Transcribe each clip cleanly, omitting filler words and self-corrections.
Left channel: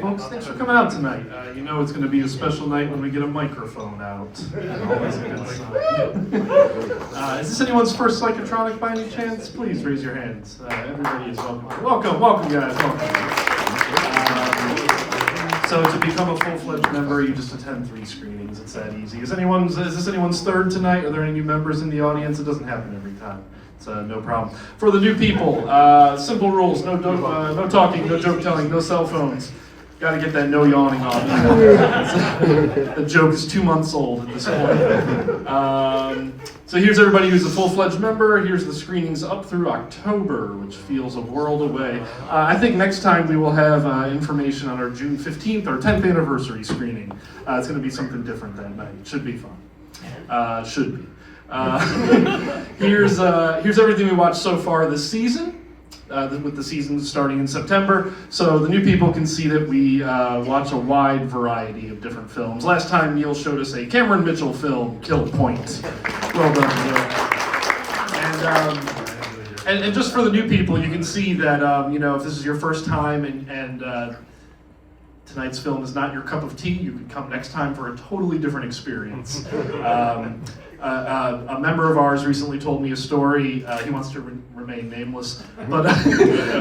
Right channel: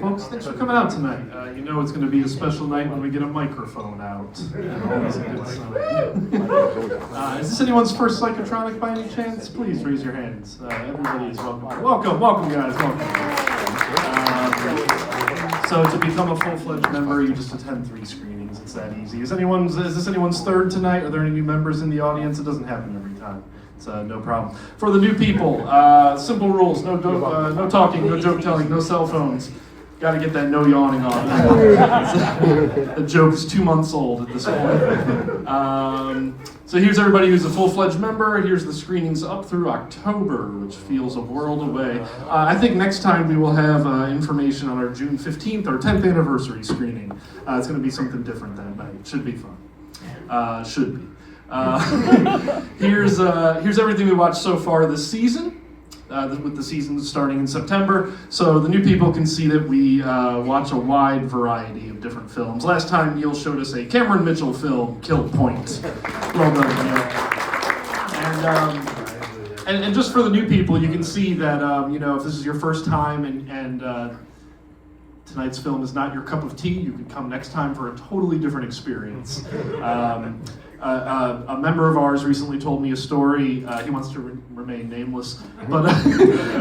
folks, thanks for coming out tonight. You know it's going to be a special night when we get a microphone out. Is this anyone's first psychotronic by any chance? Please raise your hands. Everybody is welcome. Welcome guys, welcome. So to become a full-fledged member, you just attend 3 screenings. It's that easy. Is this anyone's third tonight? Are there any new members in the audience? It doesn't happen every time. It's no problem. For the new people, simple rules: no talking, no joke telling, no cell phones. Got to get that no yawning on. The joke is 2 months old at this point. So here's everybody who's a full-fledged member. Here's the screenings up through October, which feels a world away. I think next time we will have information on our June 15th or 10th anniversary screening. It's going to be something different that night. It should be fun. Should be. Here's everything we watched so far this season. With the season starting in September, so the new people can see that we watch a wide variety of different films. Last time Neil showed us a Cameron Mitchell film, Kill Point. Well done, Neil. And just for the new people, you can see that if this is your first time and tonight's film is not your cup of tea, you can come next time for a totally different experience. A member of ours recently told me a story. He wants to remain nameless, but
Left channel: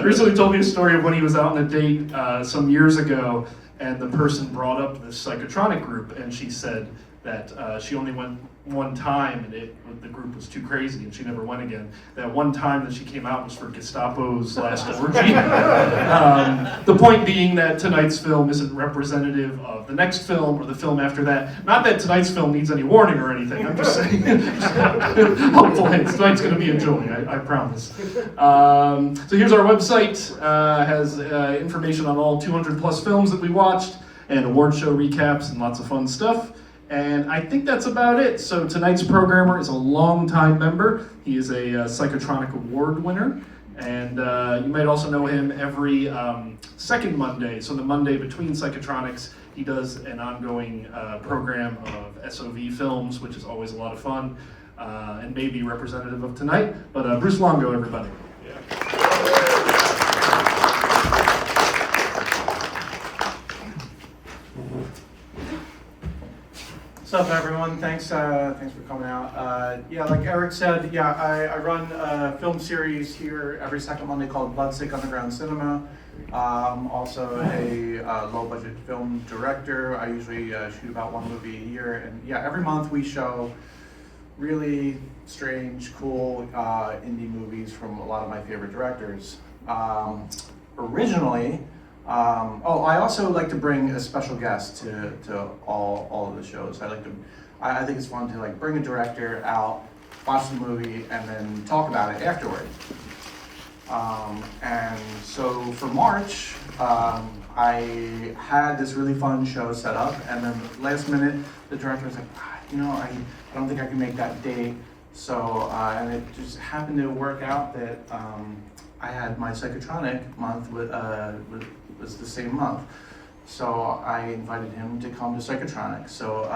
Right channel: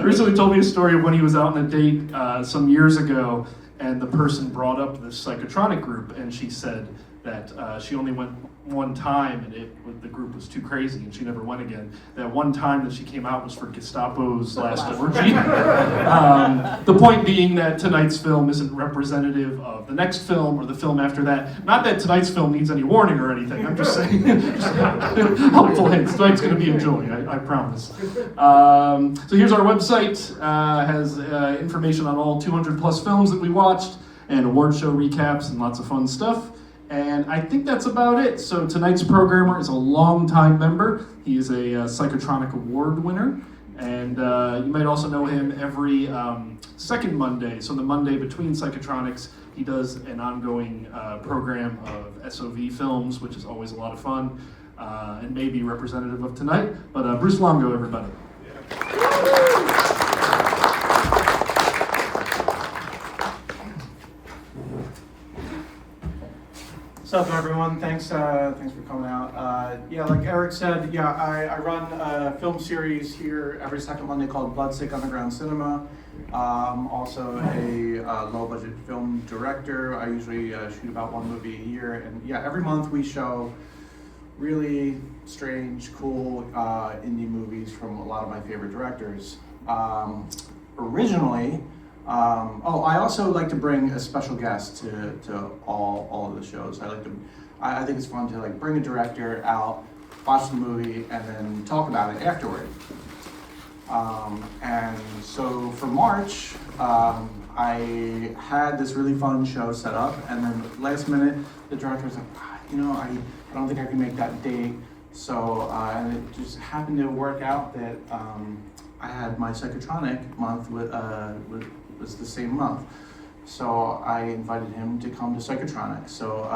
recently told me a story of when he was out on a date some years ago, and the person brought up this psychotronic group, and she said that she only went one time, and the group was too crazy, and she never went again. That one time that she came out was for Gestapo's last orgy. The point being that tonight's film isn't representative of the next film or the film after that. Not that tonight's film needs any warning or anything. I'm just saying, hopeful hints. Tonight's going to be a joy, I promise. So here's our website. Has information on all 200 plus films that we watched, and award show recaps and lots of fun stuff. And I think that's about it. So tonight's programmer is a longtime member. He is a Psychotronic Award winner. And you might also know him every second Monday. So the Monday between Psychotronics, he does an ongoing program of SOV films, which is always a lot of fun and maybe representative of tonight. But Brewce Longo, everybody. What's up, everyone? Thanks for coming out. Like Eric said, I run a film series here every second Monday called Bloodsick Underground Cinema. I'm also a low-budget film director. I usually shoot about 1 movie a year, and every month we show really strange, cool indie movies from a lot of my favorite directors. Originally. I also like to bring a special guest to all of the shows. I think it's fun to bring a director out, watch the movie, and then talk about it afterward. And so for March, I had this really fun show set up, and then last minute, the director was like, I don't think I can make that date. So, and it just happened to work out that I had my Psychotronic month was the same month. So I invited him to come to Psychotronic. So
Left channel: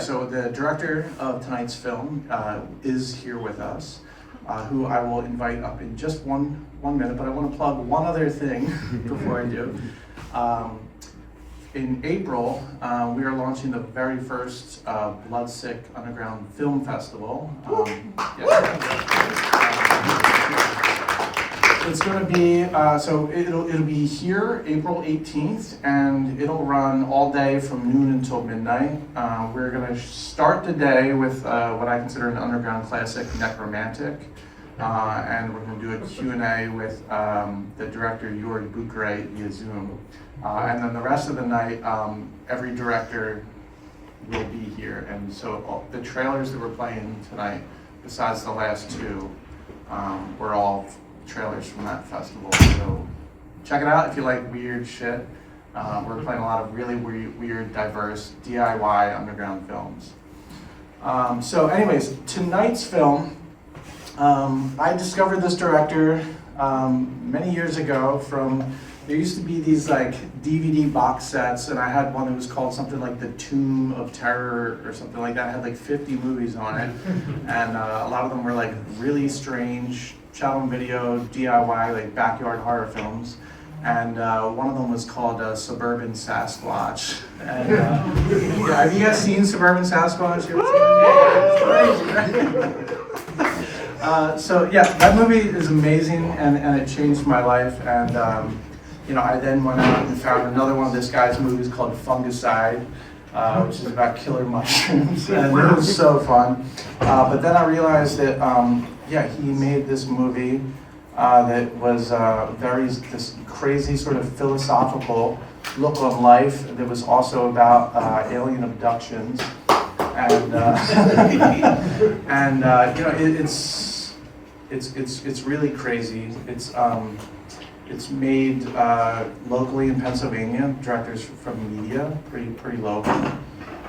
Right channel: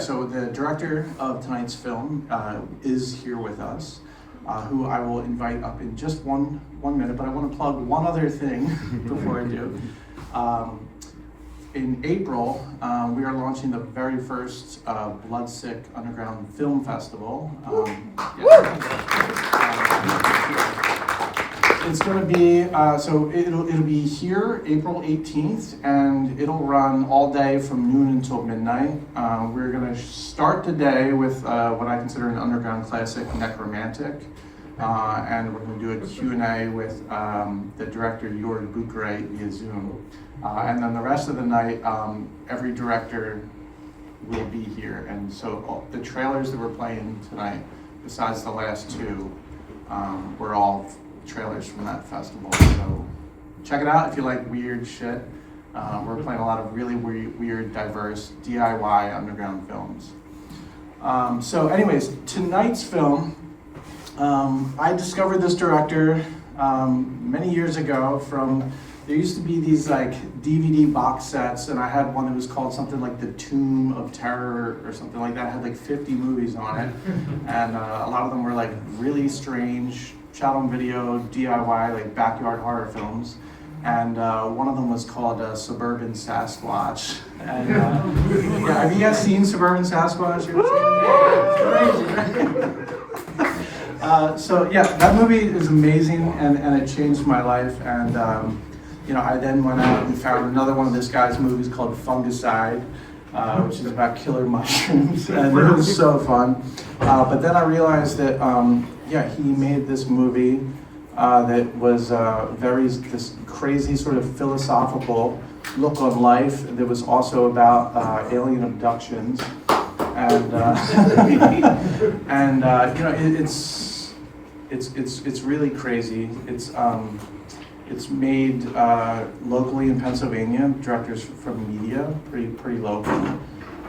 so the director of tonight's film is here with us, who I will invite up in just one minute, but I want to plug one other thing before I do. In April, we are launching the very first Bloodsick Underground Film Festival. It's going to be, it'll be here April 18th, and it'll run all day from noon until midnight. We're going to start the day with what I consider an underground classic, Necromantic, and we're going to do a Q&A with the director, Jörg Bucheret, via Zoom. And then the rest of the night, every director will be here, and so the trailers that we're playing tonight, besides the last 2, were all trailers from that festival. So check it out if you like weird shit. We're playing a lot of really weird, diverse DIY underground films. So anyways, tonight's film, I discovered this director many years ago there used to be these DVD box sets, and I had one that was called something like The Tomb of Terror or something like that. It had 50 movies on it, and a lot of them were really strange shot on video, DIY, backyard horror films. And one of them was called Suburban Sasquatch. And, yeah, have you guys seen Suburban Sasquatch? You ever seen it? It's crazy, so yeah, that movie is amazing, and it changed my life. And I then went out and found another one of this guy's movies called Fungicide, which is about killer mushrooms, and it was so fun. But then I realized that he made this movie that was this crazy sort of philosophical look on life. That was also about alien abductions, and it's really crazy. It's made locally in Pennsylvania. Directors from media, pretty local,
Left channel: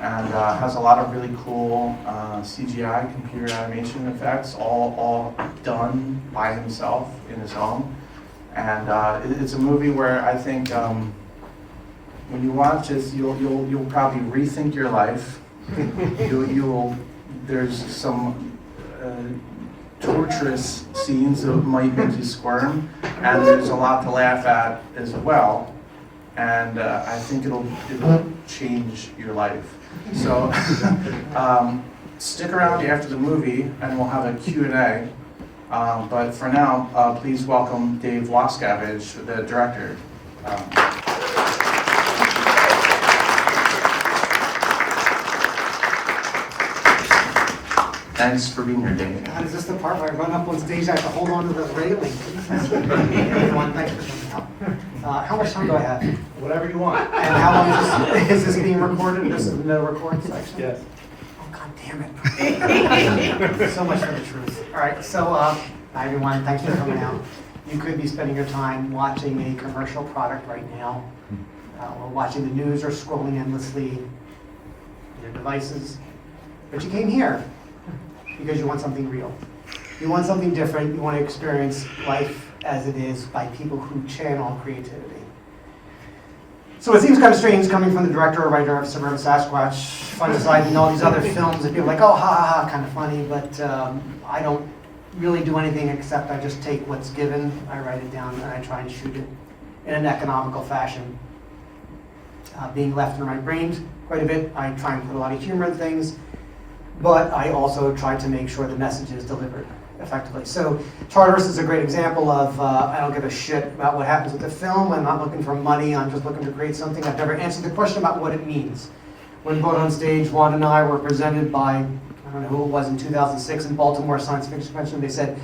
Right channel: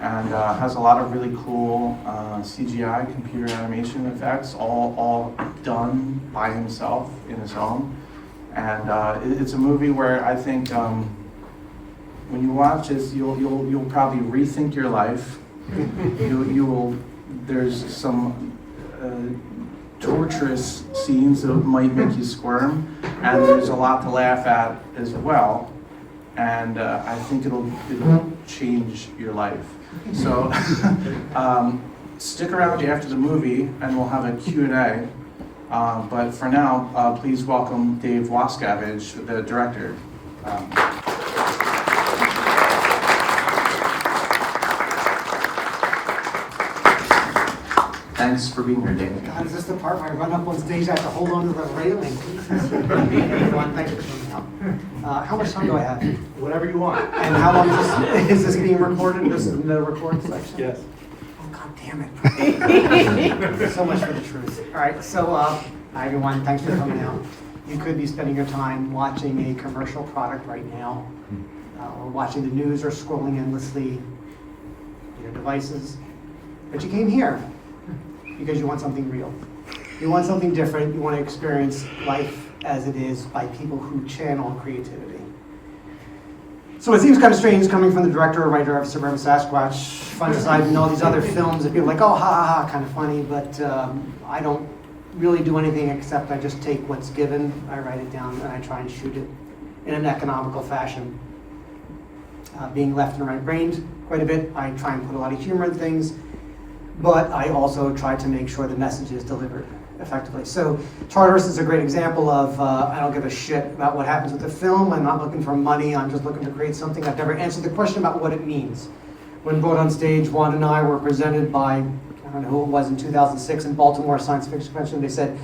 and has a lot of really cool CGI, computer animation effects, all done by himself in his home. And it's a movie where I think when you watch it, you'll probably rethink your life. You will. There's some torturous scenes that might make you squirm, and there's a lot to laugh at as well. And I think it'll change your life. So stick around after the movie, and we'll have a Q&A. But for now, please welcome Dave Wascavage, the director. Thanks for being here, Dave. God, is this the part where I run up on stage, I have to hold on to the railing? Everyone, thanks for coming out. How much time do I have? Whatever you want. And how long is this being recorded? This is the recording section? Yes. Oh, God damn it. So much for the truth. All right, so hi everyone, thanks for coming out. You could be spending your time watching a commercial product right now, or watching the news, or scrolling endlessly on your devices, but you came here because you want something real. You want something different. You want to experience life as it is by people who channel creativity. So it seems kind of strange coming from the director or writer of Suburban Sasquatch, Fungicide, and all these other films that people are like, oh, ha, ha, ha, kind of funny, but I don't really do anything except I just take what's given, I write it down, and I try and shoot it in an economical fashion. Being left in my brain quite a bit, I try and put a lot of humor in things, but I also try to make sure the message is delivered effectively. So Tartarus is a great example of I don't give a shit about what happens with the film. I'm not looking for money. I'm just looking to create something. I've never answered the question about what it means. When brought on stage, Juan and I were presented by, I don't know who it was, in 2006 in Baltimore Science Fiction Convention. They said,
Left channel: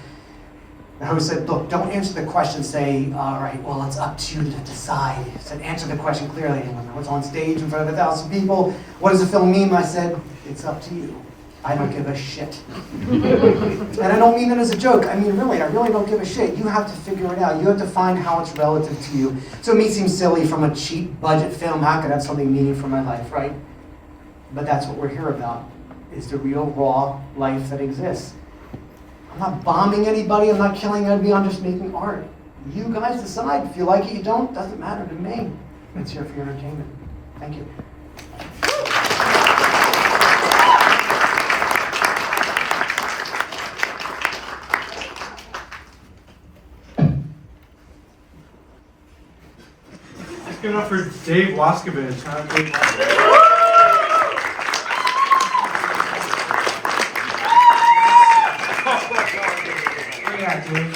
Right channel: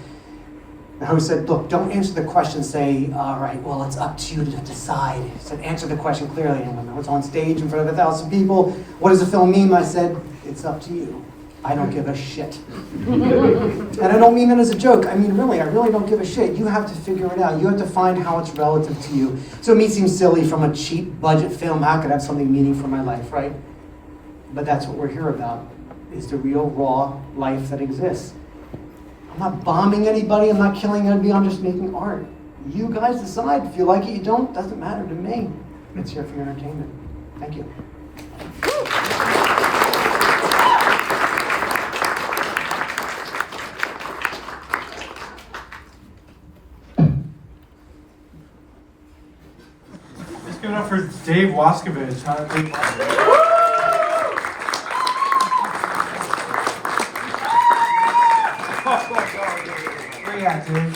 the host said, look, don't answer the question, say, all right, well, it's up to you to decide. He said, answer the question clearly. And when I was on stage in front of 1,000 people, what does the film mean? I said, it's up to you. I don't give a shit. And I don't mean it as a joke. I mean, really, I really don't give a shit. You have to figure it out. You have to find how it's relative to you. So it may seem silly from a cheap budget film, how could I have something meaning for my life, right? But that's what we're here about, is the real, raw life that exists. I'm not bombing anybody. I'm not killing anybody. I'm just making art. You guys decide. If you like it, you don't. Doesn't matter to me. It's here for your entertainment. Thank you. Give it up for Dave Wascavage, not a big one. Where you at, Dave?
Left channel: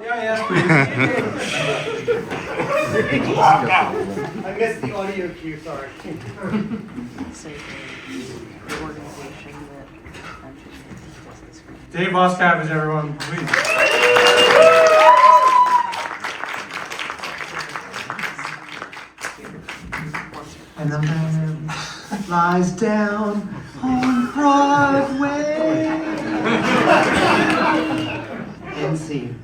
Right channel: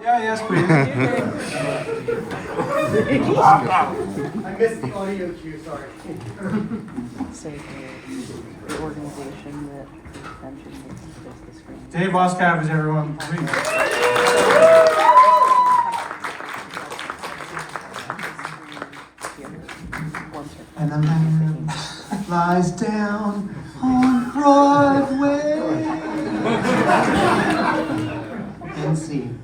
Yeah, yes, please. I missed the audio cue, sorry. Dave Wascavage, everyone, please. And the man lies down on Broadway. NC.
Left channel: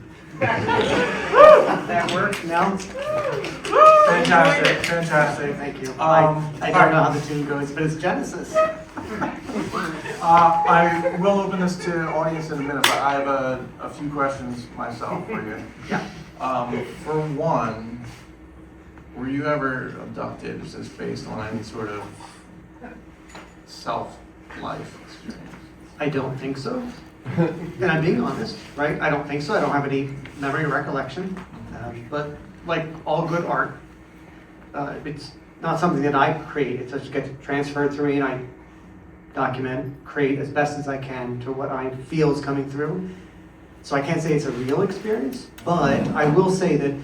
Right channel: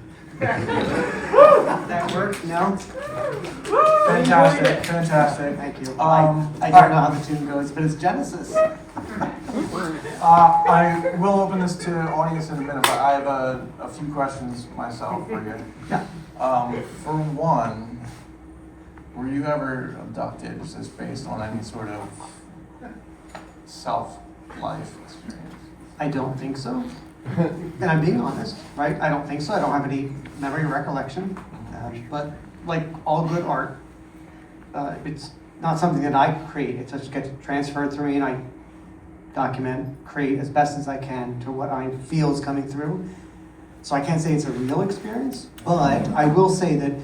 That worked? No? Fantastic, fantastic. Thank you. I don't know how the tune goes, but it's Genesis. I will open this to audience in a minute, but I have a few questions myself for you. Yeah. For one, were you ever abducted? Is this based on any sort of self-life experience? I don't think so. And I'm being honest, right? I don't think so. I don't have any memory or recollection. But like all good art, it's not something that I create. It just gets transferred through me, and I document, create as best as I can to what I feel is coming through. So I can't say it's a real experience, but I will say that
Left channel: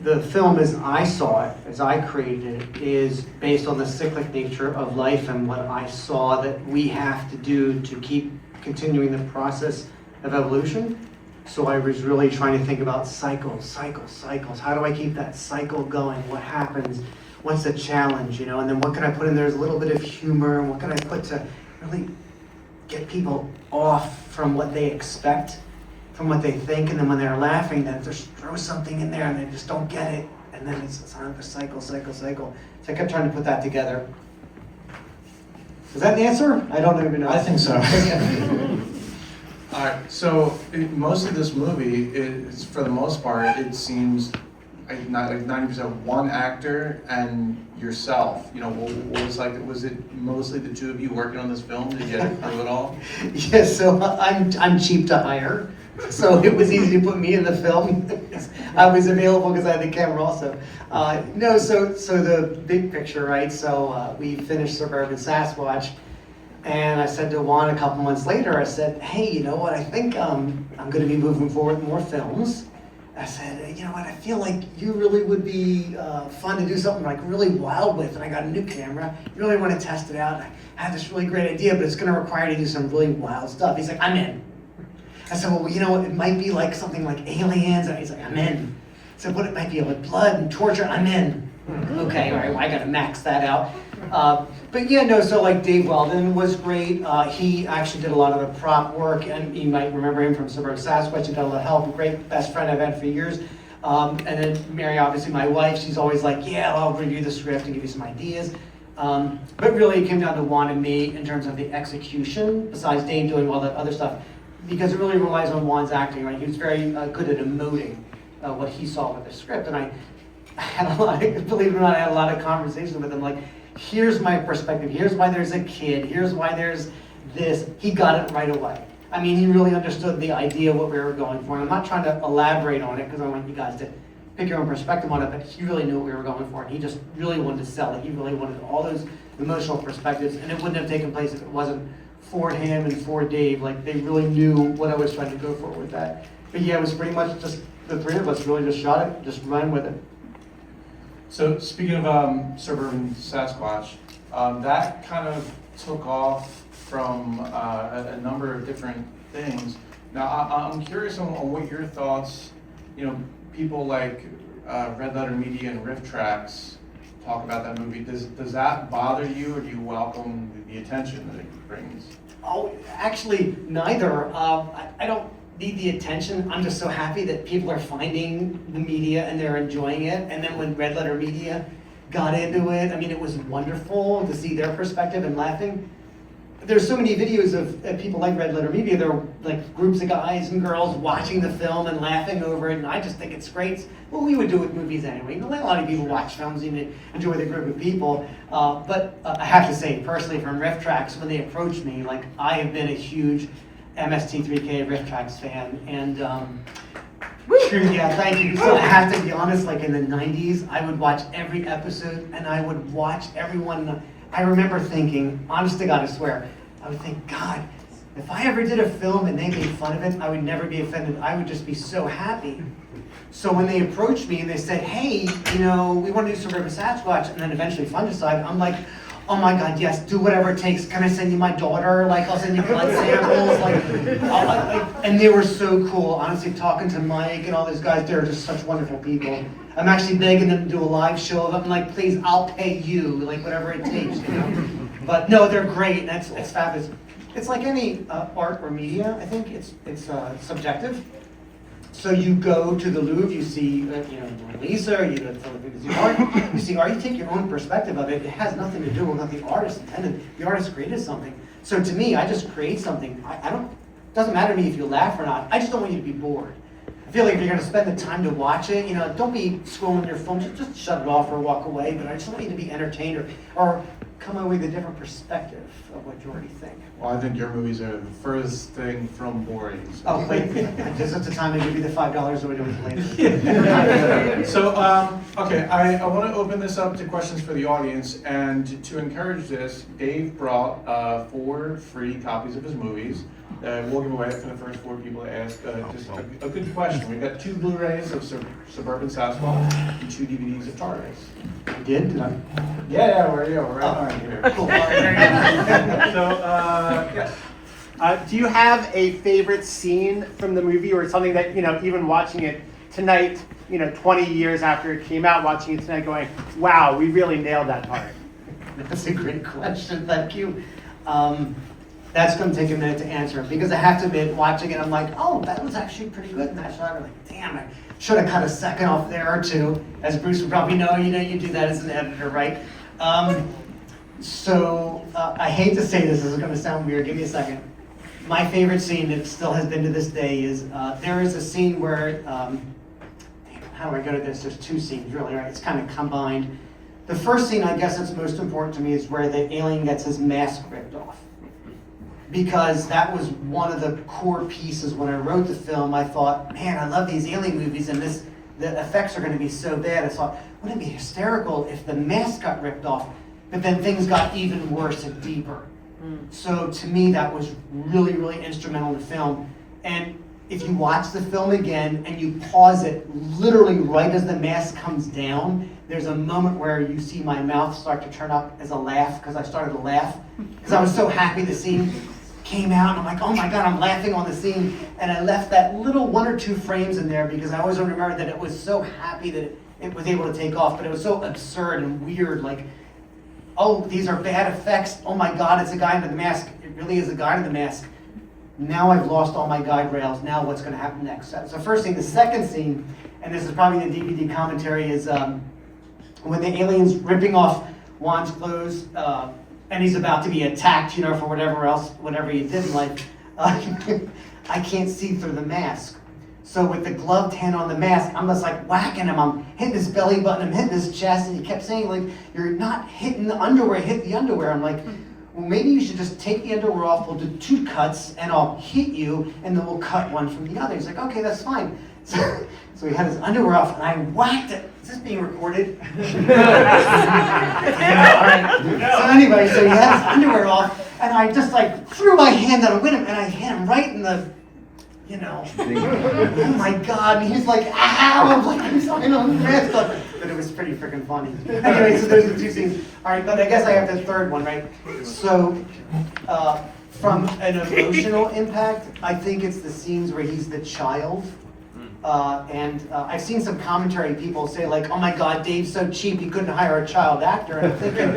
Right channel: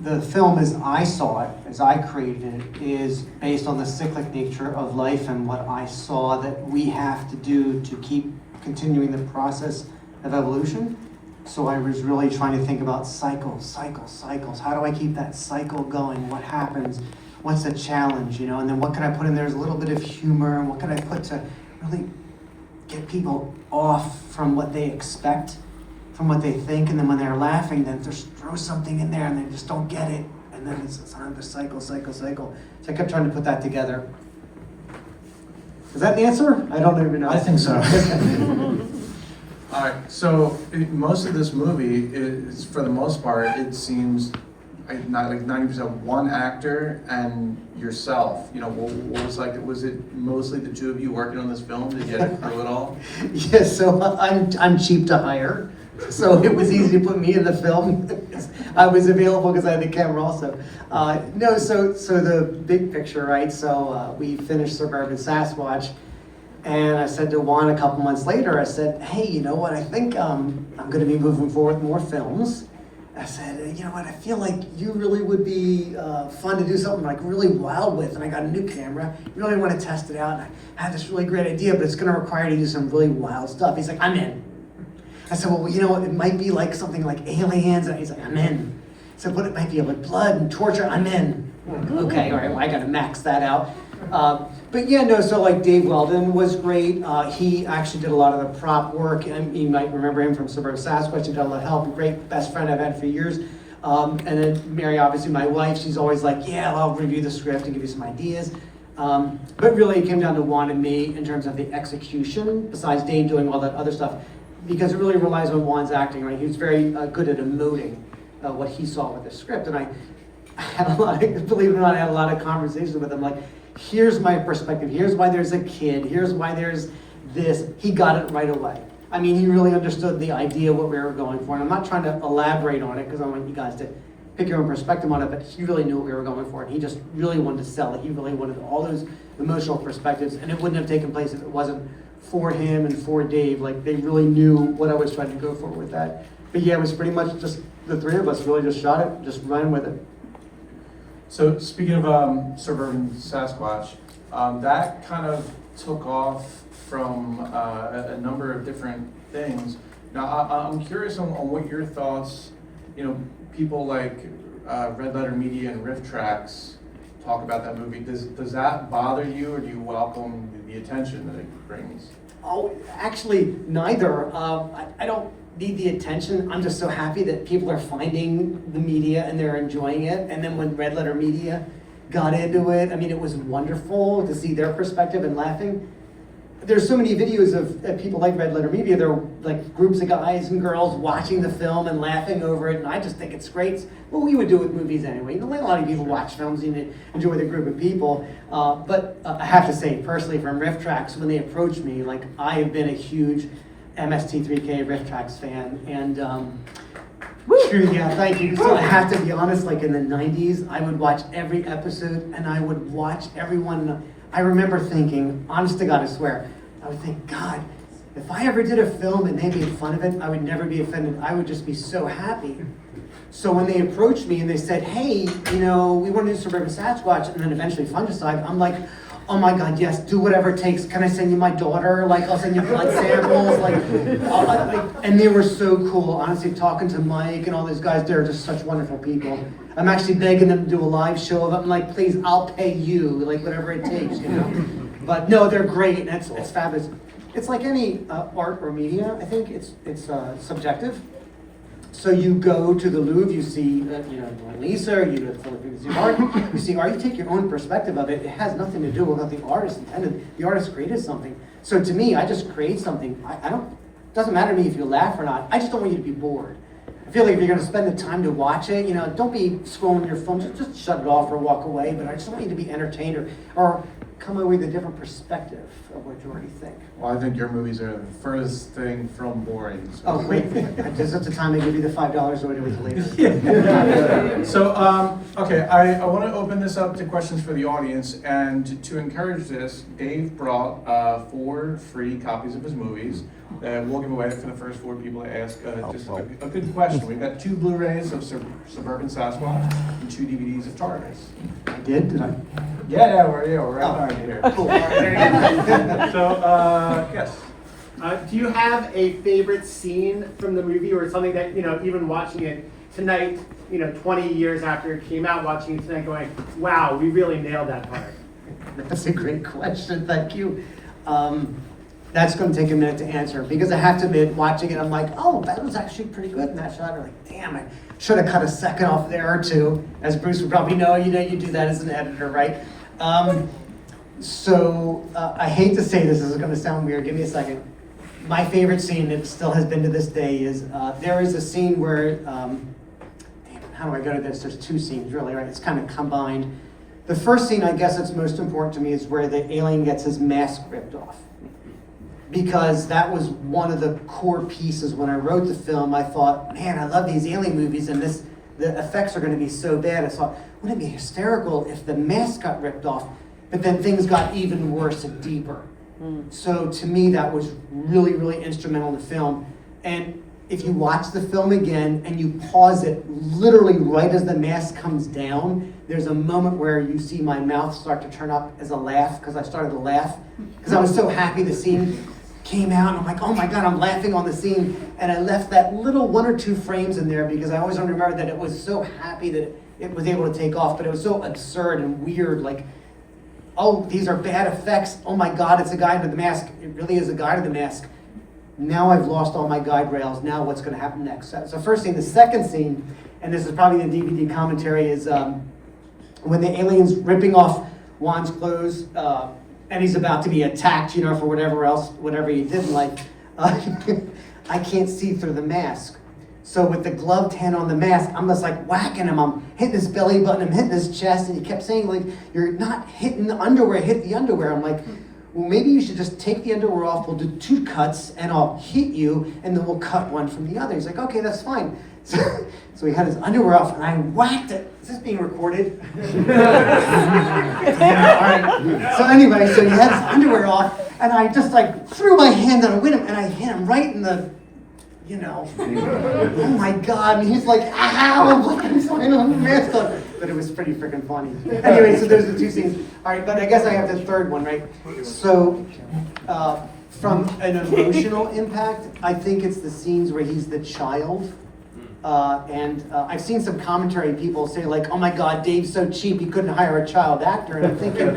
the film as I saw it, as I created it, is based on the cyclic nature of life and what I saw that we have to do to keep continuing the process of evolution. So I was really trying to think about cycles. How do I keep that cycle going? What happens? What's the challenge, you know? And then what can I put in there? There's a little bit of humor, and what can I put to really get people off from what they expect, from what they think, and then when they're laughing, then just throw something in there and they just don't get it, and then it's another cycle. So I kept trying to put that together. Is that the answer? I don't even know. I think so. So most of this movie is, for the most part, it seems like 90% one actor and yourself. You know, was it mostly the two of you working on this film? Did you get through it all? Yes, so I'm cheap to hire. So it was easy to put me in the film. I was available because I had the camera also. No, so the big picture, right? So we finished Suburban Sasquatch, and I said to Juan a couple months later, I said, hey, you know what, I think I'm going to be moving forward with more films. I said, you know what, I feel like you really would be fun to do something like really wild with, and I got a new camera, really want to test it out, and I have this really great idea, but it's going to require you to do some really wild stuff. He's like, I'm in. I said, well, you know, it might be like something like aliens. He's like, I'm in. I said, what it might be like blood and torture. I'm in. Okay, all right, well, I got to max that out. But yeah, no, so like Dave Weldon was great. He actually did a lot of the prop work, and you might remember him from Suburban Sasquatch. He got a lot of help. A great best friend I've had for years. And then Mary, obviously my wife, she's always like, yeah, I'll review the script and give you some ideas. But really it came down to Juan and me in terms of the execution, besides Dave doing all that other stuff. Because it really relies on Juan's acting, right? He was very good at emoting what he saw with the script. And I had a lot, believe it or not, I had a lot of conversations with him. Like, here's my perspective. Here's why there's a kid. Here's why there's this. He got it right away. I mean, he really understood the idea of what we were going for. And I'm not trying to elaborate on it because I want you guys to pick your own perspective on it, but he really knew what we were going for. And he just really wanted to sell it. He really wanted all those emotional perspectives. And it wouldn't have taken place if it wasn't for him and for Dave. Like, they really knew what I was trying to go for with that. But yeah, it was pretty much just the three of us really just shot it, just run with it. So speaking of Suburban Sasquatch, that kind of took off from a number of different things. Now I'm curious on what your thoughts, you know, people like Red Letter Media and Riff Tracks talk about that movie. Does that bother you, or do you welcome the attention that it brings? Oh, actually, neither. I don't need the attention. I'm just so happy that people are finding the media and they're enjoying it. And then when Red Letter Media got into it, I mean, it was wonderful to see their perspective and laughing. There's so many videos of people like Red Letter Media. They're like groups of guys and girls watching the film and laughing over it, and I just think it's great. It's what we would do with movies anyway. A lot of people watch films and enjoy with a group of people. But I have to say, personally, from Riff Tracks, when they approached me, like, I have been a huge MST3K Riff Tracks fan, and true, yeah, thank you. So I have to be honest, like in the 90s, I would watch every episode, and I would watch everyone. I remember thinking, honest to God, I swear, I would think, God, if I ever did a film and they made fun of it, I would never be offended. I would just be so happy. So when they approached me and they said, hey, you know, we want to do Suburban Sasquatch, and then eventually Fungicide, I'm like, oh my God, yes, do whatever it takes. Can I send you my daughter? Like, I'll send you blood samples. And they were so cool. Honestly, talking to Mike and all those guys, they're just such wonderful people. I'm actually begging them to do a live show of it. I'm like, please, I'll pay you, like whatever it takes, you know? But no, they're great, and it's fabulous. It's like any art or media. I think it's subjective. So you go to the Louvre, you see, Mona Lisa, or you go to the Philippines, you see art, you take your own perspective of it. It has nothing to do with what the artist intended. The artist created something. So to me, I just create something. It doesn't matter to me if you laugh or not. I just don't want you to be bored. I feel like if you're going to spend the time to watch it, don't be scrolling your phone, just shut it off or walk away. But I just want you to be entertained or come away with a different perspective of what you already think. Well, I think your movies are the furthest thing from boring. So. Oh, wait, just at the time they give you the $5 or do it later. So, okay, I want to open this up to questions for the audience, and to encourage this, Dave brought 4 free copies of his movies that we'll give away for the first 4 people to ask just a good question. We've got 2 Blu-rays of Suburban Sasquatch and 2 DVDs of Tartarus. I did, didn't I? Yeah, we're right behind you here. Cool. So, yes. Do you have a favorite scene from the movie, or something that, even watching it tonight, 20 years after it came out, watching it tonight going, wow, we really nailed that part? That's a great question, thank you. That's going to take a minute to answer, because I have to admit, watching it, I'm like, oh, that was actually pretty good in that shot. I'm like, damn, I should have cut a second off there or two. As Bruce would probably know, you do that as an editor, right? I hate to say this is going to sound weird, give me a second. My favorite scene, that still has been to this day, is there is a scene where, how do I go to this? There's 2 scenes really, right? It's kind of combined. The first scene, I guess that's most important to me, is where the alien gets his mask ripped off. Because that was one of the core pieces when I wrote the film. I thought, man, I love these alien movies, and the effects are going to be so bad. I thought, wouldn't it be hysterical if the mask got ripped off, but then things got even worse and deeper. So to me, that was really, really instrumental in the film. And if you watch the film again and you pause it literally right as the mask comes down, there's a moment where you see my mouth start to turn up as a laugh, because I started to laugh because I was so happy the scene came out, and I'm like, oh my God, I'm laughing on the scene. And I left that little 1 or 2 frames in there because I always remember that it was so happy that it was able to take off, but it was so absurd and weird, like, oh, these are bad effects. Oh my God, it's a guy under the mask. It really is a guy under the mask. Now I've lost all my guide rails. Now what's going to happen next? So first scene. The second scene, and this is probably in the DVD commentary, is when the alien's ripping off Juan's clothes, and he's about to be attacked, for whatever he did in life. I can't see through the mask. So with the gloved hand on the mask, I'm just like whacking him. I'm hitting his belly button, I'm hitting his chest, and he kept saying, like, you're not hitting the underwear, hit the underwear. I'm like, well, maybe you should just take the underwear off, we'll do 2 cuts, and I'll hit you, and then we'll cut one from the other. He's like, okay, that's fine. So he had his underwear off, and I whacked it. Is this being recorded? All right. So anyway, so he had his underwear off, and I just like threw my hand down with him, and I hit him right in the, oh my God, and he's like, ow, I'm like, I'm sorry, no, mask on. But it was pretty freaking funny. Anyway, so those are the 2 scenes. All right, but I guess I have the third one, right? So, from an emotional impact, I think it's the scenes where he's the child. I've seen some commentary, people say like, oh my God, Dave's so cheap, he couldn't hire a child actor. And I'm thinking,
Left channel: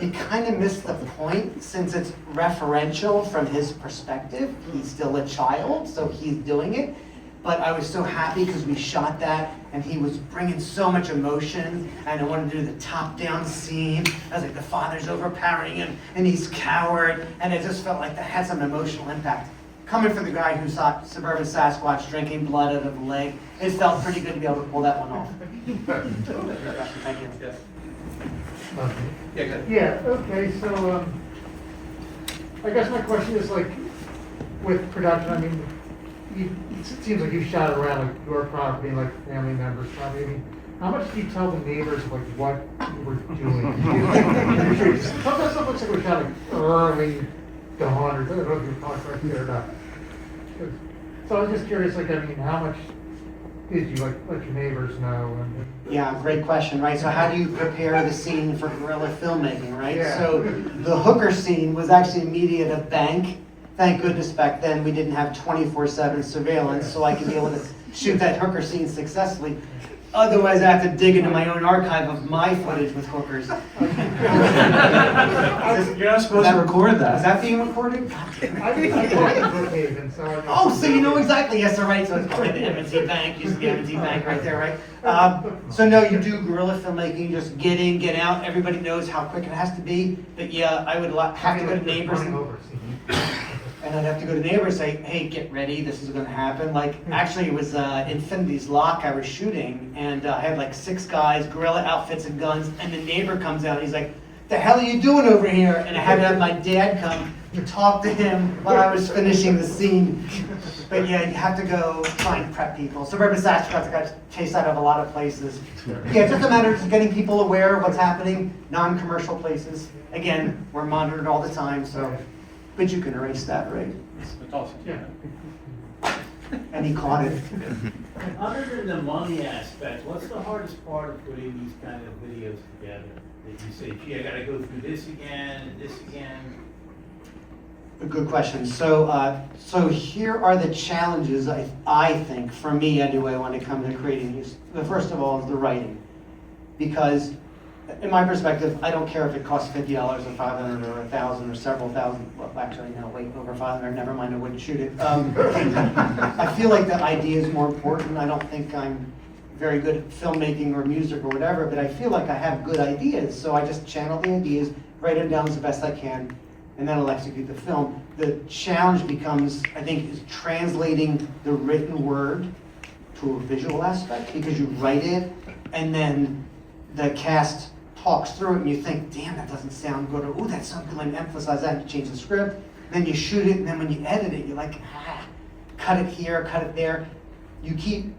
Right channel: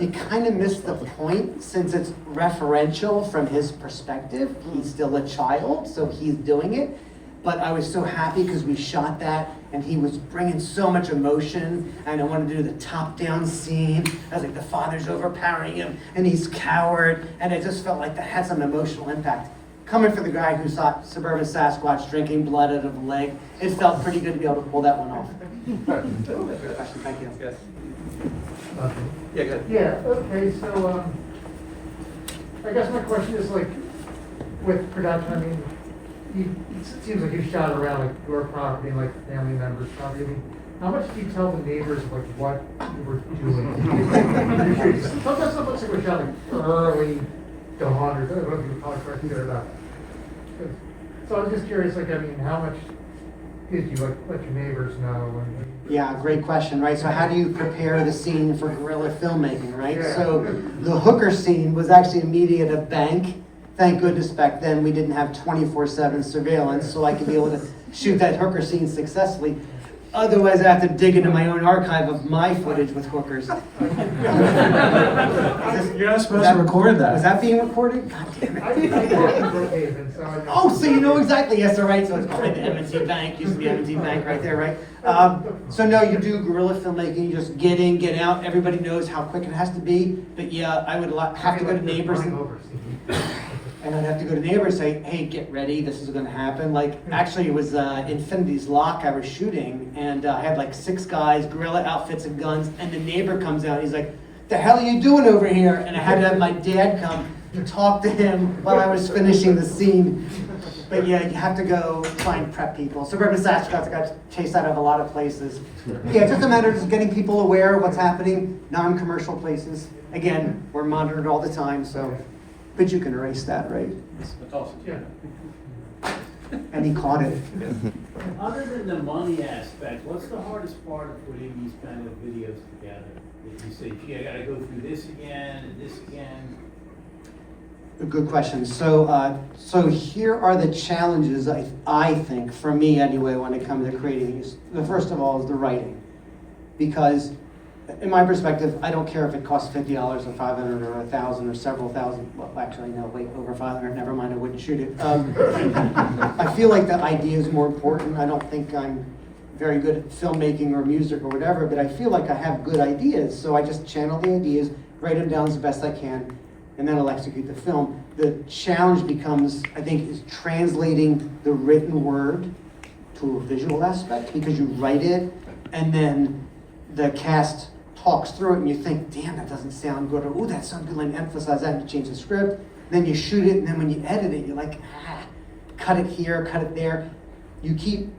you kind of missed the point, since it's referential from his perspective. He's still a child, so he's doing it. But I was so happy because we shot that, and he was bringing so much emotion, and I wanted to do the top-down scene. I was like, the father's overpowering him, and he's coward, and it just felt like that had some emotional impact. Coming from the guy who saw Suburban Sasquatch drinking blood out of a leg, it felt pretty good to be able to pull that one off. Thank you. Yeah, good. Yeah, okay, so, I guess my question is like, with production, I mean, it seems like you shot it around like your property and like family members' property. I mean, how much do you tell the neighbors like what you were doing? Sometimes it looks like we're shot like early dawn, or I don't know if you were talking right there or not. So I'm just curious, like, I mean, how much did you let your neighbors know? Yeah, great question, right? So how do you prepare the scene for guerrilla filmmaking, right? Yeah. So the hooker scene was actually immediate at a bank. Thank goodness back then we didn't have 24/7 surveillance, so I could be able to shoot that hooker scene successfully. Otherwise, I have to dig into my own archive of my footage with hookers. You're not supposed to record that. Was that being recorded? God damn I it. think I did Brookhaven, so I just... Oh, so you know exactly. Yes, all right. So it's called the M&T Bank. Used to be M&T Bank right there, right? So no, you do guerrilla filmmaking. You just get in, get out. Everybody knows how quick it has to be. But yeah, I would have to go to neighbors. And I'd have to go to neighbors and say, hey, get ready, this is gonna happen. Like, actually, it was Infinity's Lock I was shooting, and I had like 6 guys, guerrilla outfits and guns, and the neighbor comes out, he's like, the hell are you doing over here? And I had to have my dad come to talk to him while I was finishing the scene. But yeah, you have to go try and prep people. Suburban Saskatchewan got chased out of a lot of places. Yeah, it's just a matter of getting people aware of what's happening, non-commercial places. Again, we're monitored all the time, so, but you can erase that, right? That's awesome. Yeah. And he caught it. Other than the money aspect, what's the hardest part of putting these kind of videos together? That you say, gee, I gotta go through this again, and this again? A good question. So here are the challenges, I think, for me anyway, when it comes to creating this. The first of all is the writing. Because in my perspective, I don't care if it costs $50 or $500 or $1,000 or several thousand. Well, actually, no, wait, over 500, never mind, I wouldn't shoot it. I feel like the idea is more important. I don't think I'm very good at filmmaking or music or whatever, but I feel like I have good ideas. So I just channel the ideas, write them down as best I can, and then I'll execute the film. The challenge becomes, I think, is translating the written word to a visual aspect, because you write it and then the cast talks through it and you think, damn, that doesn't sound good, or ooh, that sounds good, let me emphasize that, and you change the script. Then you shoot it, and then when you edit it, you're like, cut it here, cut it there. You keep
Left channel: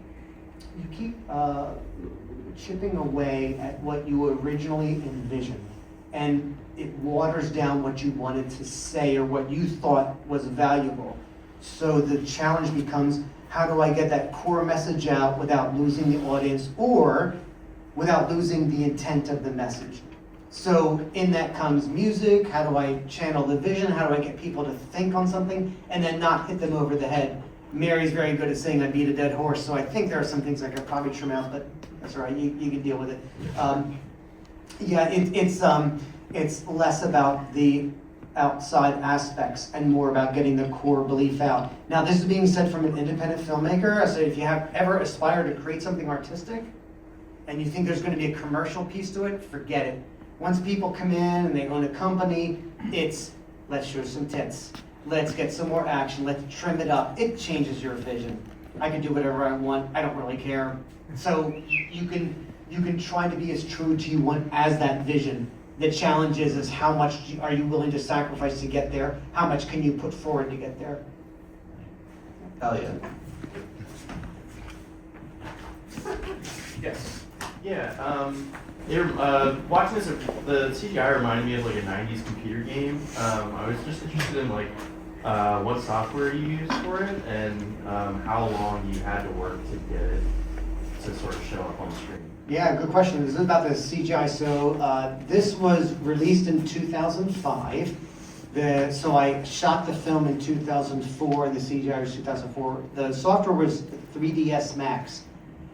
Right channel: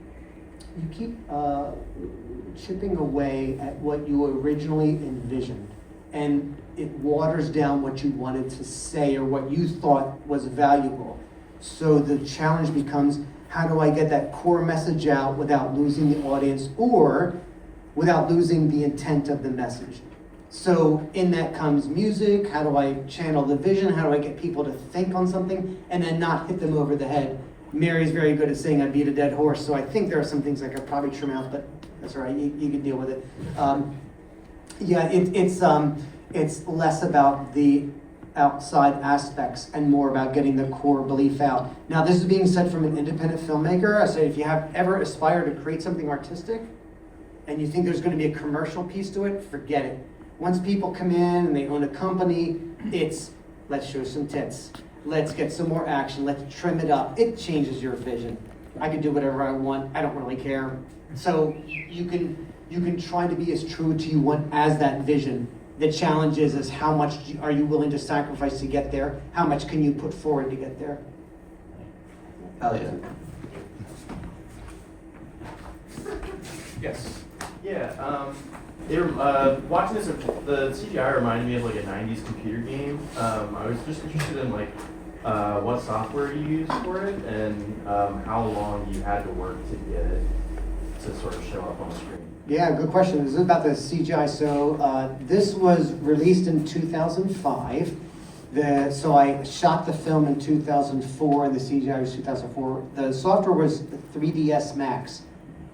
chipping away at what you originally envisioned, and it waters down what you wanted to say or what you thought was valuable. So the challenge becomes, how do I get that core message out without losing the audience or without losing the intent of the message? So in that comes music. How do I channel the vision? How do I get people to think on something and then not hit them over the head? Mary's very good at saying I beat a dead horse, so I think there are some things I could probably trim out, but that's all right, you can deal with it. It's less about the outside aspects and more about getting the core belief out. Now, this is being said from an independent filmmaker. I say if you have ever aspired to create something artistic and you think there's going to be a commercial piece to it, forget it. Once people come in and they own a company, it's let's show some tits. Let's get some more action. Let's trim it up. It changes your vision. I can do whatever I want. I don't really care. So you can try to be as true to you want as that vision. The challenge is how much are you willing to sacrifice to get there? How much can you put forward to get there? Hell yeah. Yes. Yeah. Watching this, the CGI reminded me of like a '90s computer game. I was just interested in like what software you used for it and how long you had to work to get it to sort of show up on screen. Yeah, good question. This is about the CGI. So this was released in 2005. So I shot the film in 2004, and the CGI was 2004. The software was 3ds Max.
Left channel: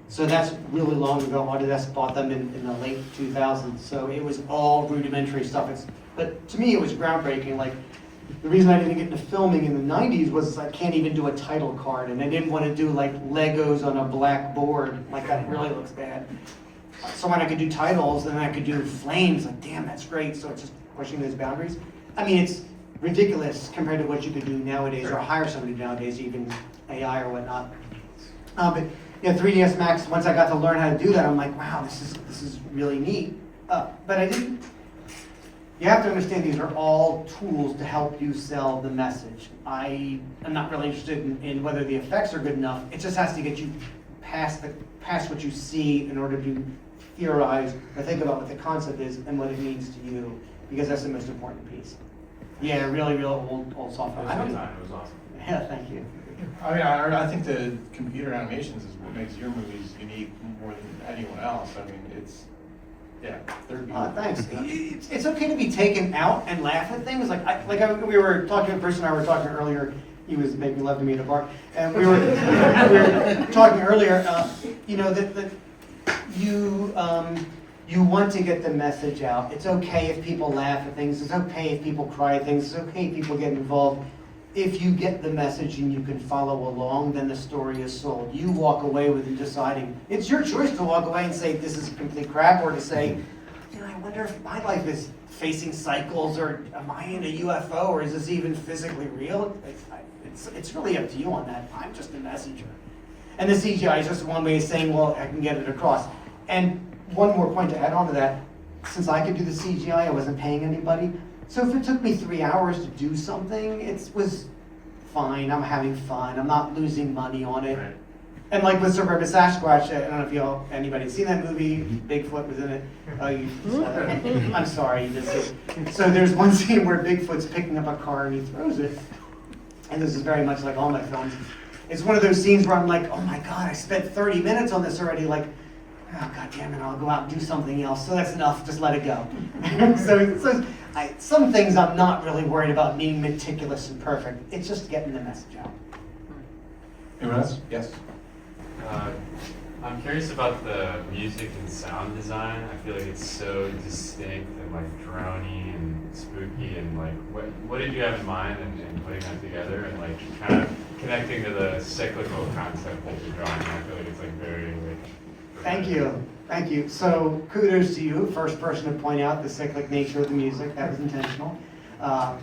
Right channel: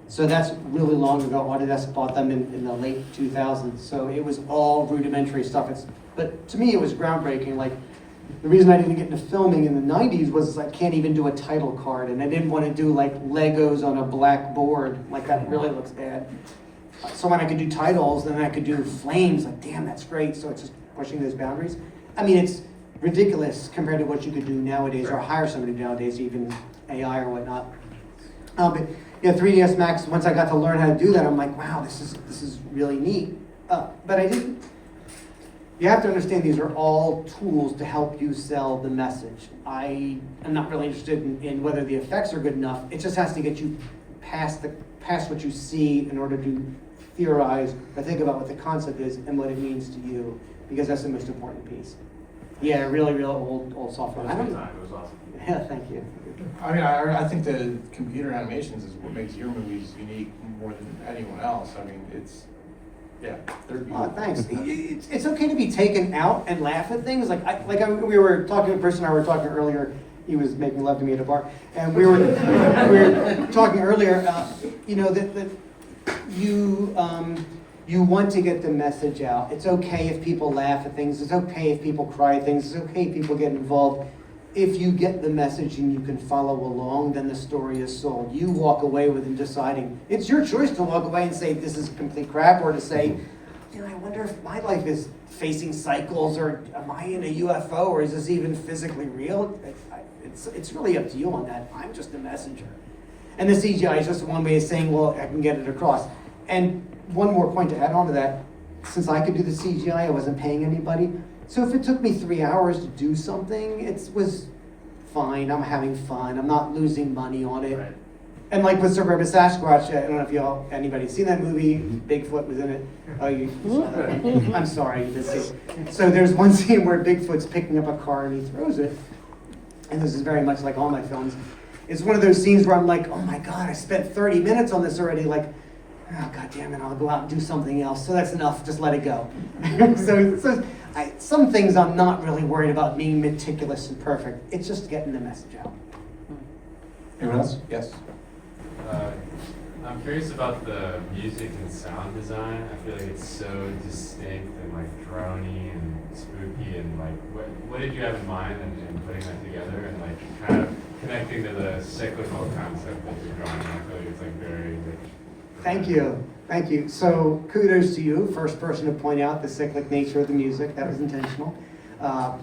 So that's really long ago. Autodesk bought them in the late 2000s. So it was all rudimentary stuff. But to me, it was groundbreaking. Like, the reason I didn't get into filming in the 90s was I can't even do a title card, and I didn't want to do like Legos on a black board. Like, that really looks bad. So when I could do titles, then I could do flames. Like, damn, that's great. So it's just pushing those boundaries. I mean, it's ridiculous compared to what you could do nowadays, or hire somebody nowadays, even AI or whatnot. But yeah, 3ds Max. Once I got to learn how to do that, I'm like, wow, this is really neat. But I didn't. You have to understand these are all tools to help you sell the message. I am not really interested in whether the effects are good enough. It just has to get you past what you see in order to theorize or think about what the concept is and what it means to you, because that's the most important piece. Yeah, really, really old software. It was awesome. Yeah, thank you. I mean, I think the computer animations is what makes your movies unique more than anyone else. I mean, they're beautiful. Thanks. It's okay to be taken out and laugh at things. We were talking, a person and I were talking earlier. He was making love to me at a bar, and we were talking earlier. That you want to get the message out. It's okay if people laugh at things. It's okay if people cry at things. It's okay if people get involved. If you get the message and you can follow along, then the story is sold. You walk away with it deciding. It's your choice to walk away and say, this is complete crap, or to say, I wonder if my life is facing cycles, or am I in a UFO, or is this even physically real? It's really up to you on that. I'm just a messenger. And the CGI is just one way of saying, well, I can get it across. And one more point to add on to that. since I could do the CGI, I wasn't paying anybody. So if it took me 3 hours to do something, it was fine. I'm having fun. I'm not losing money on it. Right. And like with Suburban Sasquatch, I don't know if anybody's seen that movie. Bigfoot was in it. Oh, you saw that. I'm sorry, you didn't see it. So there's one scene where Bigfoot's picking up a car and he throws it. And this is very much like all my films. It's one of those scenes where I'm like, oh my God, I spent 30 minutes on this already. Like, oh God damn it, I'll go out and do something else. So that's enough, just let it go. Some things I'm not really worried about being meticulous and perfect. It's just getting the message out. Anyone else? Yes. I'm curious about the music and sound design. I feel like it's so distinct and like droney and spooky, and like what did you have in mind in putting that together and like kind of connecting to the cyclical concept that you're drawing? I feel like it's like very Thank you. Thank you. So kudos to you, first person to point out the cyclic nature of the music. That was intentional.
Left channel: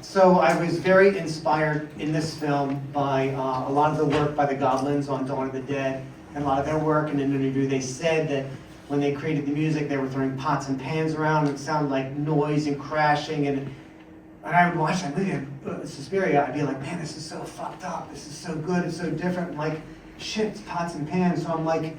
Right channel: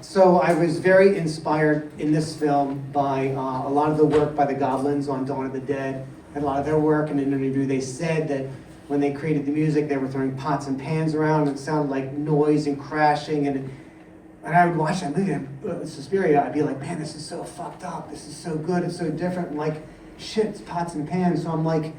So I was very inspired in this film by a lot of the work by the Goblins on Dawn of the Dead, and a lot of their work. In an interview, they said that when they created the music, they were throwing pots and pans around, and it sounded like noise and crashing. And I would watch that movie, Suspiria, I'd be like, man, this is so fucked up. This is so good. It's so different. And like, shit, it's pots and pans. So I'm like,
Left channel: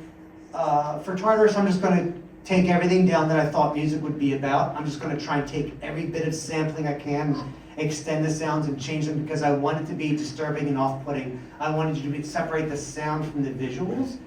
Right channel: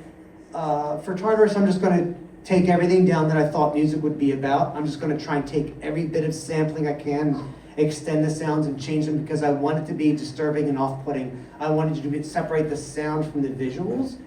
for Tartarus, I'm just going to take everything down that I thought music would be about. I'm just going to try and take every bit of sampling I can, extend the sounds and change them, because I want it to be disturbing and off-putting. I wanted you to separate the sound from the visuals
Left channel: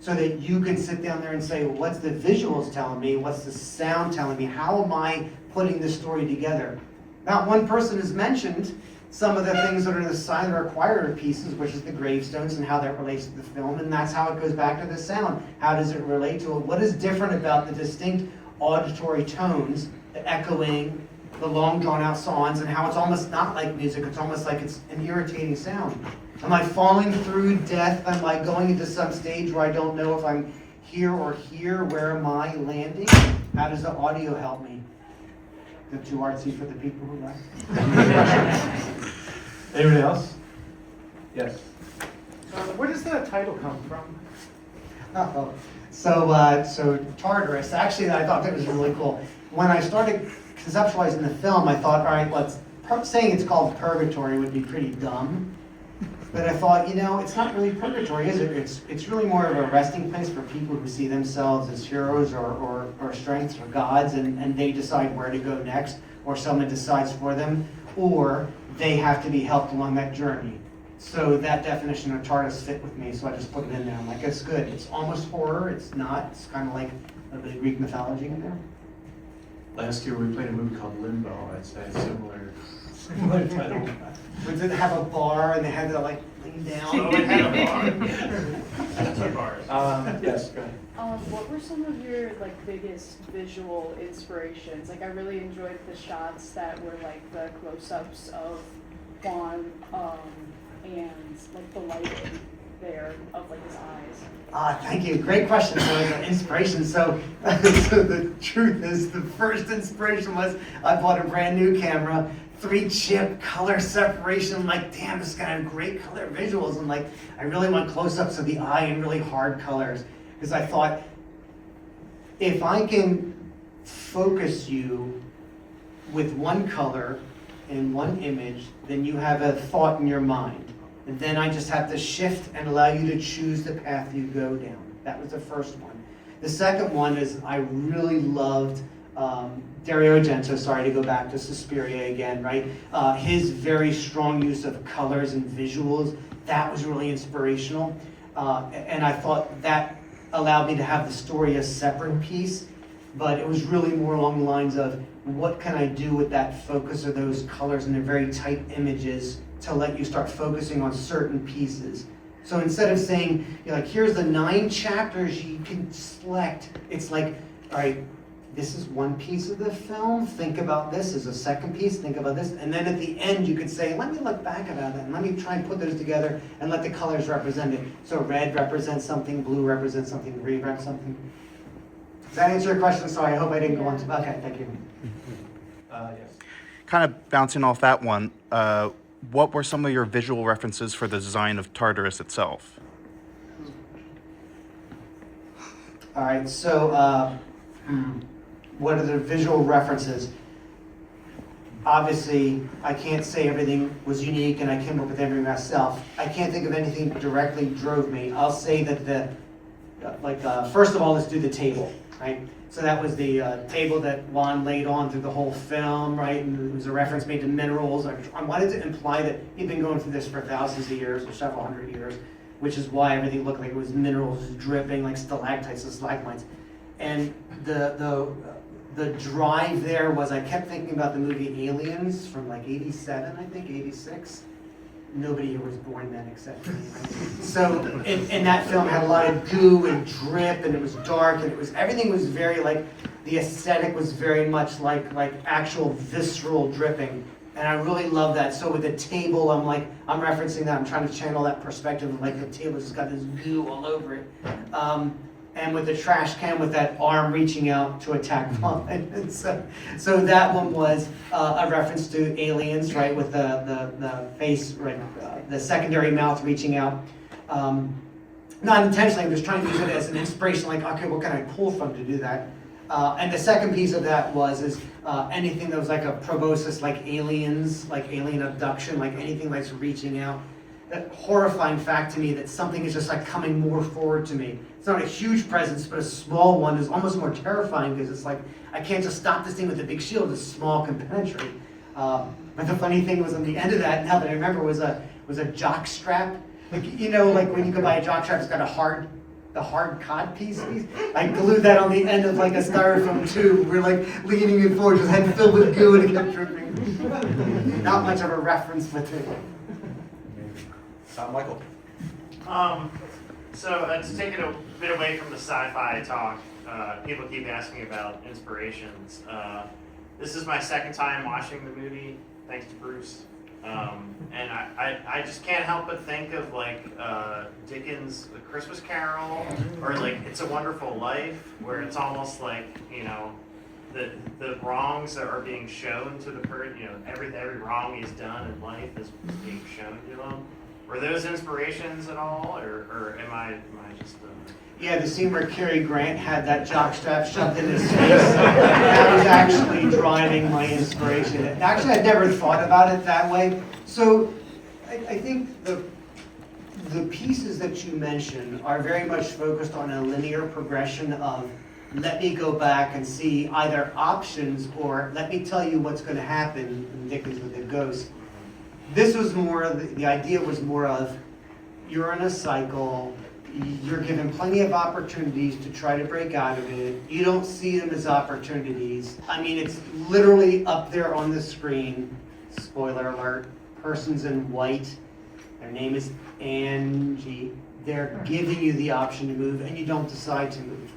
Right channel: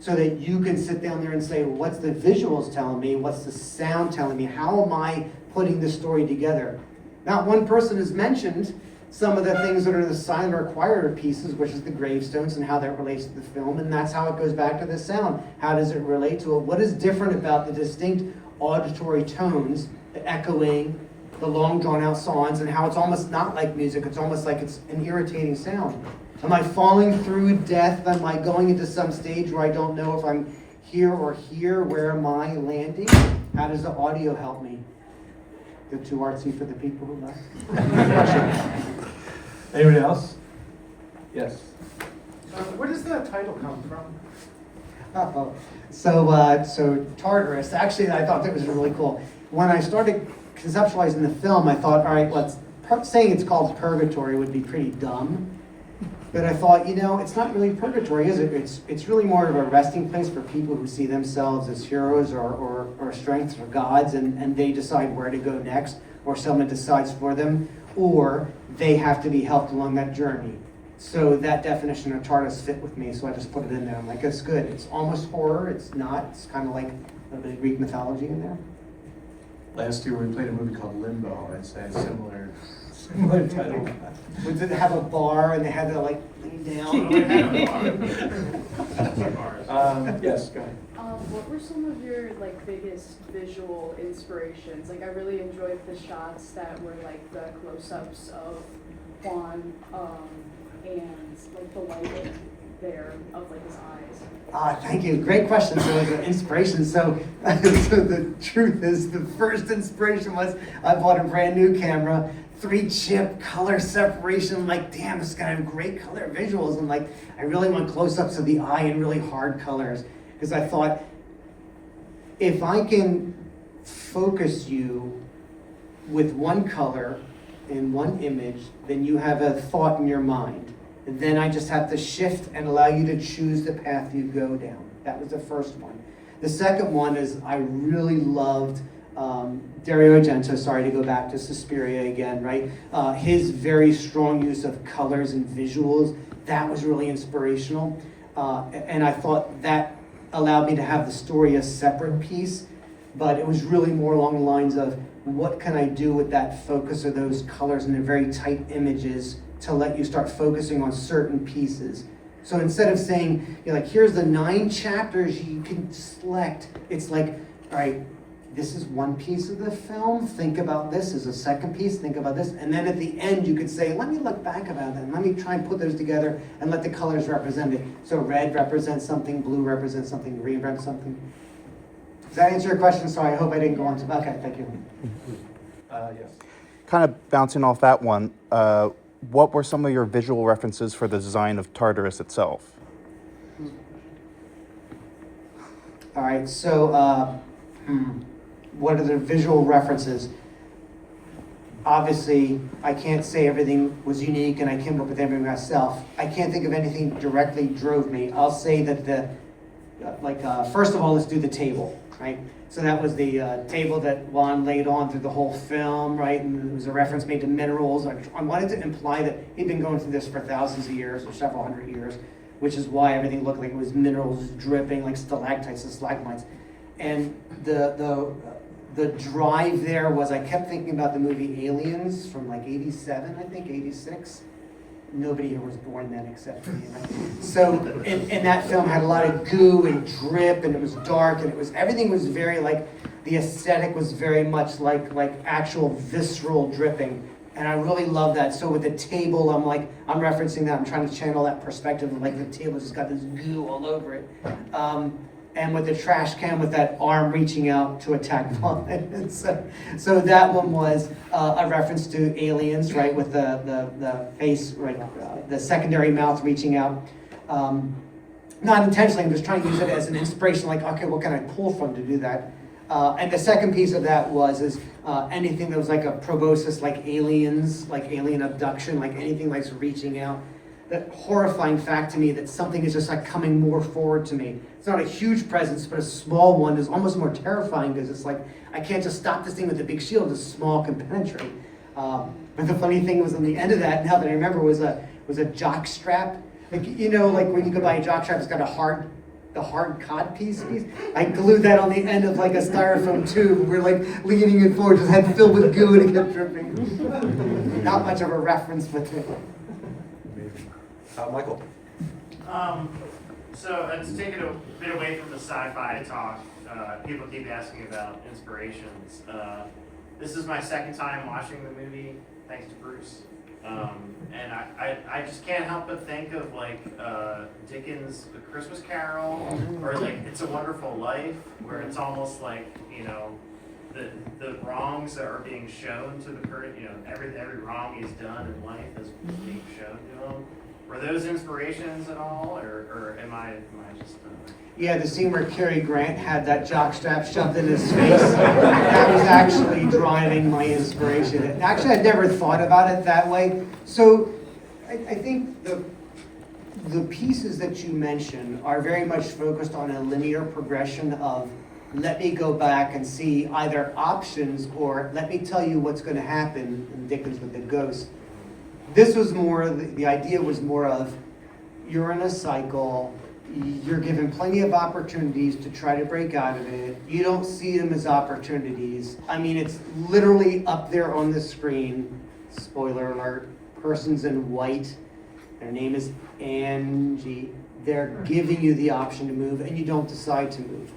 so that you can sit down there and say, well, what's the visuals telling me? What's the sound telling me? How am I putting this story together? Not one person has mentioned some of the things that are in the silent or quieter pieces, which is the gravestones and how that relates to the film, and that's how it goes back to the sound. How does it relate to it? What is different about the distinct auditory tones, the echoing, the long drawn-out songs, and how it's almost not like music, it's almost like it's an irritating sound. Am I falling through death? Am I going into some stage where I don't know if I'm here or here? Where am I landing? How does the audio help me? The too artsy for the people who left. Anyone else? Yes. Where does the title come from? So Tartarus, actually I thought that was really cool. When I started conceptualizing the film, I thought, all right, saying it's called Purgatory would be pretty dumb. But I thought, it's not really purgatory, is it? It's really more of a resting place for people who see themselves as heroes or strengths or gods, and they decide where to go next, or someone decides for them, or they have to be helped along that journey. So that definition of Tartarus fit with me, so I just put it in there. I'm like, it's good. It's almost horror. It's not. It's kind of like a bit of Greek mythology in there. Last year we played a movie called Limbo. It's a similar title. We did have a bar, and they had to like lean down. Oh, it had a bar. Yes, go ahead. What were some of your biggest visual inspirations? I really enjoyed the shots that were the close-ups of Juan and the lighting there of his eyes. Thank you. Great question. So an inspiration. So the truth is, the first inspiration was I bought a brand new camera, 3-chip color separation. I'm like, damn, this guy had great color visuals. I'm like, I really want close-ups of the eye and really hard colors, because I thought, if I can focus you with one color in one image, then you have a thought in your mind. And then I just have to shift and allow you to choose the path you go down. That was the first one. The second one is I really loved Dario Argento, sorry to go back to Suspiria again, right? His very strong use of colors and visuals, that was really inspirational. And I thought that allowed me to have the story a separate piece, but it was really more along the lines of what can I do with that focus of those colors in the very tight images to let you start focusing on certain pieces. So instead of saying, here's the 9 chapters you can select, it's like, all right, this is one piece of the film, think about this as a second piece, think about this, and then at the end you could say, let me look back about that, and let me try and put those together and let the colors represent it. So red represents something, blue represents something, green represents something. Does that answer your question? Sorry, I hope I didn't go on to, okay, thank you. Yes. Kind of bouncing off that one, what were some of your visual references for the design of Tartarus itself? All right, so what are the visual references? Obviously, I can't say everything was unique and I came up with everything myself. I can't think of anything directly drove me. I'll say that first of all, let's do the table, right? So that was the table that Juan laid on through the whole film, right? And there was a reference made to minerals. I wanted to imply that he'd been going through this for thousands of years or several hundred years, which is why everything looked like it was minerals dripping like stalactites and stalagmites. And the drive there was, I kept thinking about the movie Aliens from like 87, I think, 86. Nobody here was born then except me, right? So, and that film had a lot of goo and drip, and it was dark, and everything was very like, the aesthetic was very much like actual visceral dripping. And I really love that. So with the table, I'm referencing that, I'm trying to channel that perspective of like the table just got this goo all over it. And with the trash can with that arm reaching out to attack Vaughn. And so that one was a reference to Aliens, right, with the face, right, the secondary mouth reaching out. Not intentionally, I'm just trying to use it as an inspiration, like, okay, what can I pull from to do that? And the second piece of that is anything that was like a proboscis, like aliens, like alien abduction, like anything that's reaching out. That horrifying fact to me that something is just like coming more forward to me. It's not a huge presence, but a small one is almost more terrifying because it's like, I can't just stop this thing with a big shield, this small can penetrate. But the funny thing was on the end of that, now that I remember, was a jock strap. Like, you know, like when you go buy a jock strap, it's got the hard cod piece. I glued that on the end of like a styrofoam tube. We're like leaning it forward, just had filled with goo and it kept dripping. Not much of a reference with it. Michael. So to take it a bit away from the sci-fi talk, people keep asking about inspirations. This is my second time watching the movie, thanks to Bruce. And I just can't help but think of like Dickens' The Christmas Carol, or like It's a Wonderful Life, where it's almost like, you know, the wrongs that are being shown to the person, you know, every wrong he's done in life is being shown to him. Were those inspirations at all, or am I just? Yeah, the scene where Cary Grant had that jockstrap shoved in his face, that was actually driving my inspiration. Actually, I'd never thought about it that way. So, I think the pieces that you mentioned are very much focused on a linear progression of, let me go back and see either options or let me tell you what's going to happen in Dickens with the ghost. This was more, the idea was more of, you're in a cycle, you're given plenty of opportunities to try to break out of it. You don't see them as opportunities. I mean, it's literally up there on the screen. Spoiler alert, person's in white. Their name is Angie. They're giving you the option to move and you don't decide to move.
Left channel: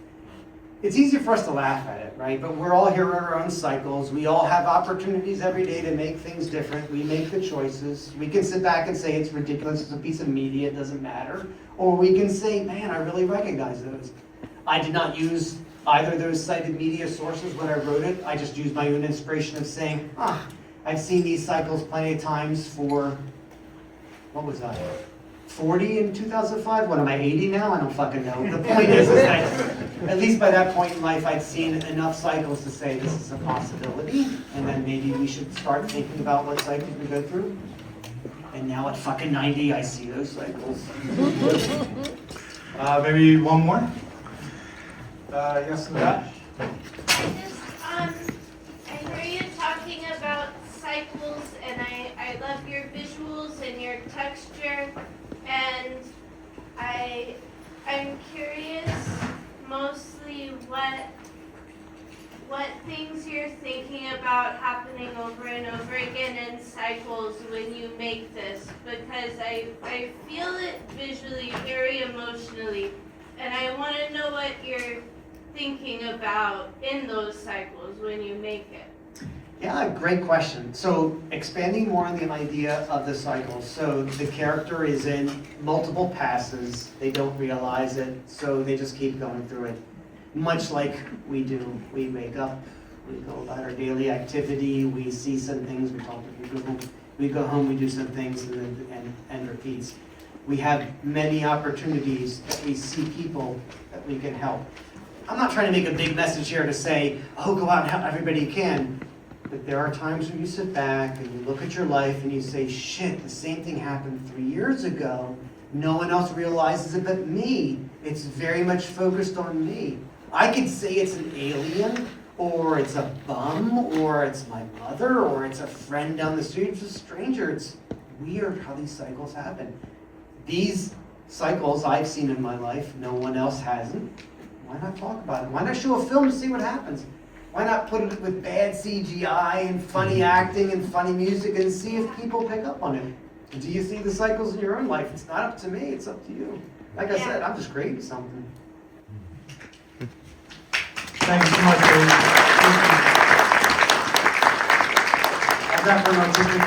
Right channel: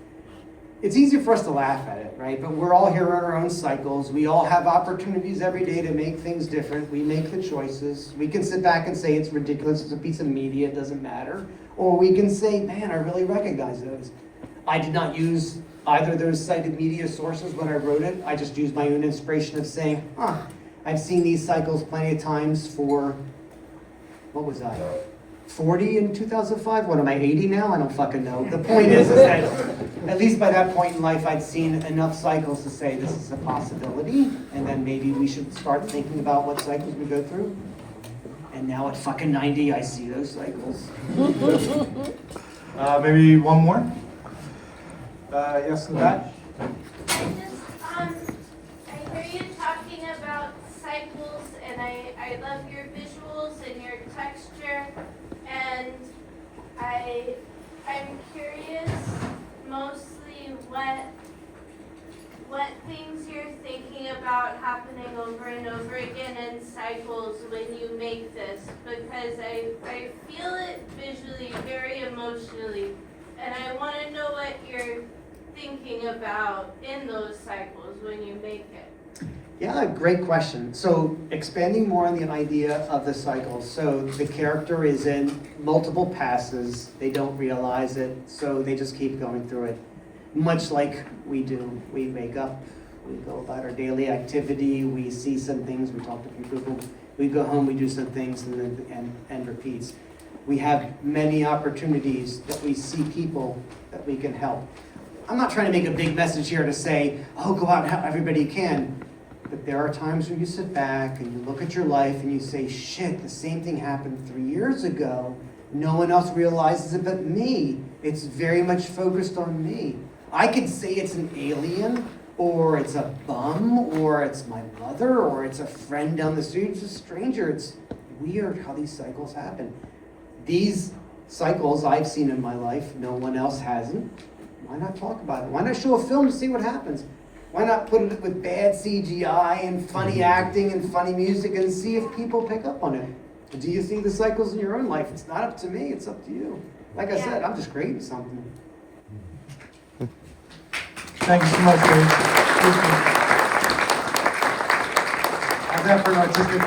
It's easy for us to laugh at it, right? But we're all here in our own cycles. We all have opportunities every day to make things different. We make the choices. We can sit back and say it's ridiculous, it's a piece of media, it doesn't matter. Or we can say, man, I really recognize those. I did not use either of those cited media sources when I wrote it. I just used my own inspiration of saying, I've seen these cycles plenty of times for, what was that? 40 in 2005? What am I, 80 now? I don't fucking know. The point is that at least by that point in life, I'd seen enough cycles to say this is a possibility, and then maybe we should start thinking about what cycles we go through. And now at fucking 90, I see those cycles. Maybe one more? Yes, in the back? I heard you talking about cycles, and I love your visuals and your texture, and I'm curious mostly what things you're thinking about happening over and over again in cycles when you make this, because I feel it visually, very emotionally, and I want to know what you're thinking about in those cycles when you make it. Yeah, great question. So expanding more on the idea of the cycle. So the character is in multiple passes. They don't realize it, so they just keep going through it. Much like we do. We wake up, we go about our daily activity, we see some things, we talk to people, we go home, we do some things, and repeats. We have many opportunities that we see people that we can help. I'm not trying to make a big message here to say, oh, go out and help everybody you can. But there are times when you sit back and you look at your life and you say, shit, the same thing happened 3 years ago. No one else realizes it but me. It's very much focused on me. I could say it's an alien, or it's a bum, or it's my mother, or it's a friend down the street, it's a stranger. It's weird how these cycles happen. These cycles I've seen in my life, no one else hasn't. Why not talk about it? Why not show a film to see what happens? Why not put it with bad CGI and funny acting and funny music and see if people pick up on it? Do you see the cycles in your own life? It's not up to me, it's up to you. Like I said, I'm just creating something. Thank you so much, Dave. I'll definitely artistic